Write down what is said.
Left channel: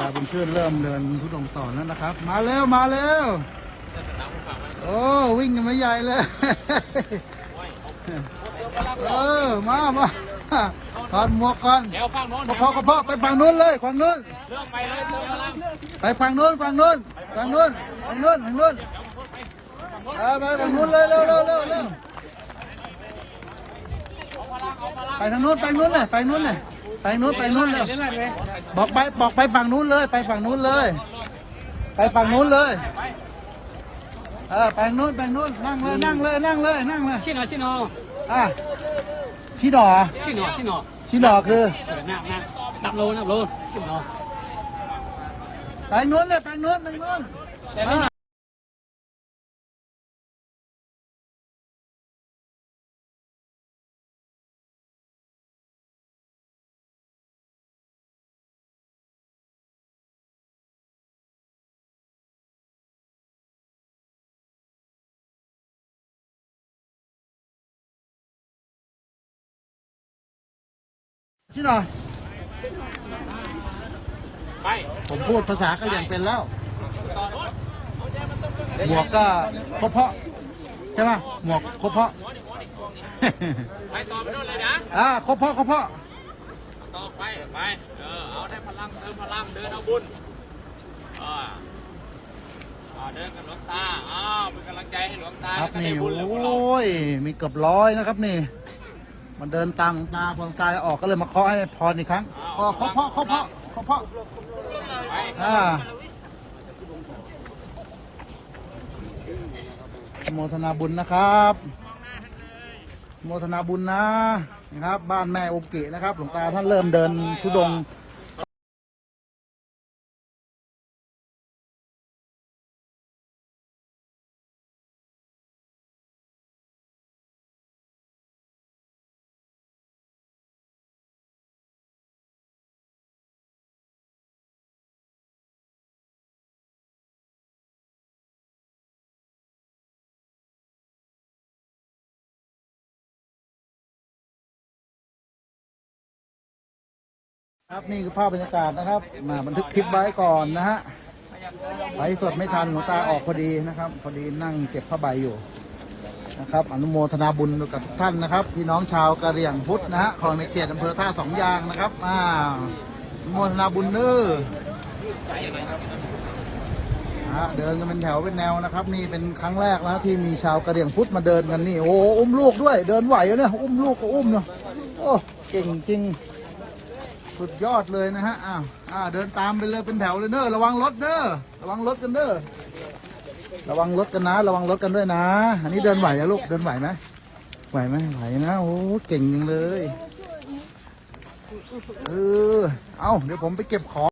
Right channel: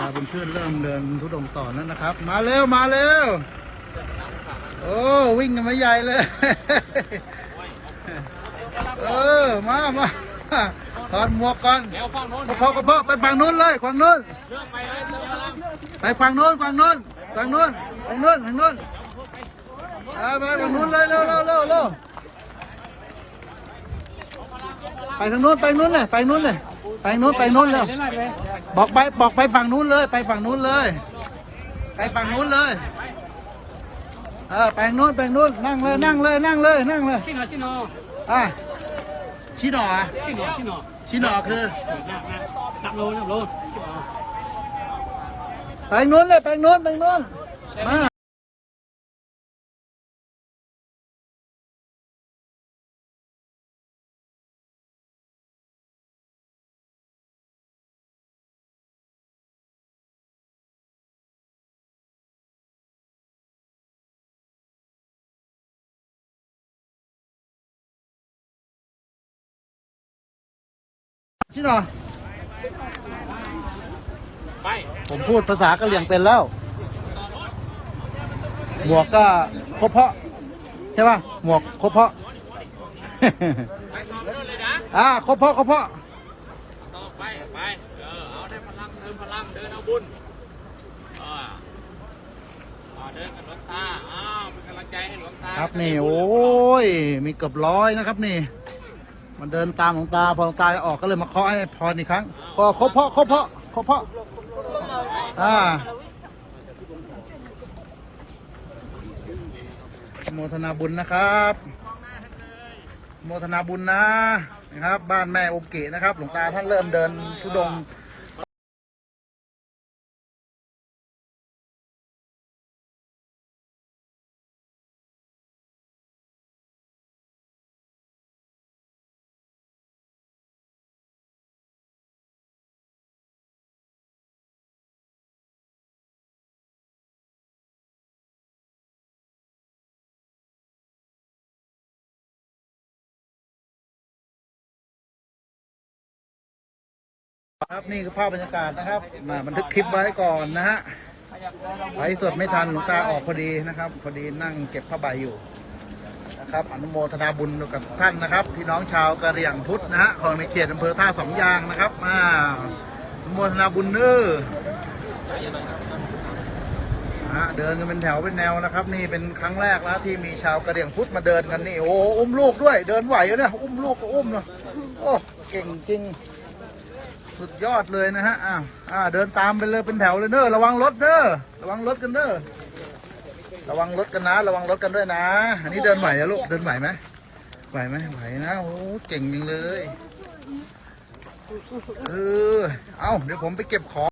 ตาบุญชื่นเริ่มเดินทุดงต่อแล้วนะครับ มาเร็วมาเร็วโอ้วิ่งกันมาใหญ่เลย เออมามาถอดหมวกก่อนเดี๋ยวฟังโน้นกระเพาะกระเพาะไปฝั่งนู้นเลยฝั่งนู้นเรื่องไปเลยเรื่องแล้วไปฝั่งนู้นฝั่งนู้นฝั่งนู้นฝั่งนู้นฝั่งนู้นไปฝั่งนู้นเลยเร็วเร็วเร็วเร็วไปทางนู้นไปนู้นเลยไปนู้นเลย ไปนู้นไปนู้นเร็วบอกไปบอกไปฝั่งนู้นเลย ไปฝั่งนู้นเลย ไปฝั่งนู้นเลยเออไปนู้นไปนู้นนั่งเลยนั่งเลยนั่งเลยนั่งเลยชิโนชิโนอะชี้หนอะชิโนชิโนชี้หนคือนั่งนั่งนับโลนับโลชิโนไปนู้นเลยไปนู้นไปนู้นมา ชิโนอไปผมพูดภาษากะเหรี่ยงเป็นแล้ว หมวกก็ครบเพาะ ใช่ป่ะ หมวกครบเพาะ ไปต่อไปโน่นเลยนะอ่าครบเพาะครบเพาะต่อไปไปเออเอาได้พลังเติมพลังเดินเอาบุญเอออ่าเดินกับหลวงตาอ้าวเป็นกำลังใจให้หลวงตาครับนี่โอ้ยมีเกือบร้อยนะครับนี่ มันเดินตามหลวงตาพอหลวงตาออกก็เลยมาเคาะให้พรอีกครั้งพอคาะเพาะคาะเพาะคาะเพาะอ่าโมทนาบุญนะครับโมทนาบุญนะนะครับ บ้านแม่โอเกะนะครับ หลวงตาท่านเริ่มเดินทุดง ครับนี่คือภาพบรรยากาศนะครับมาบันทึกคลิปไว้ก่อนนะฮะไว้สดไม่ทันหลวงตาออกพอดีนะครับ พอดีนั่งเก็บผ้าใบอยู่นะครับ อนุโมทนาบุญกับท่านนะครับ พี่น้องชาวกะเหรี่ยงพุทธนะฮะของในเขตอำเภอท่าสองยางนะครับมาอนุโมทนาบุญเน้อฮะเดินกันเป็นแถวเป็นแนวนะครับ นี่เป็นครั้งแรกนะที่มีชาวกะเหรี่ยงพุทธมาเดินกันนี่โอ้อุ้มลูกด้วย เดินไหวอยู่เนี่ยอุ้มลูกก็อุ้มเนาะโอ้เก่งจริง สุดยอดเลยนะฮะอ้าวอ่าเดินตามไปเลยเป็นแถวเลยเนอะระวังรถเนอะระวังรถกันเนอะระวังรถกันนะ ระวังรถกันด้วยนะ อันนี้เดินไหวอะลูกเดินไหวไหมไหวไหมไหวนะโอ้เก่งจังเลยเออเอ้าเดี๋ยวผมไปเก็บของ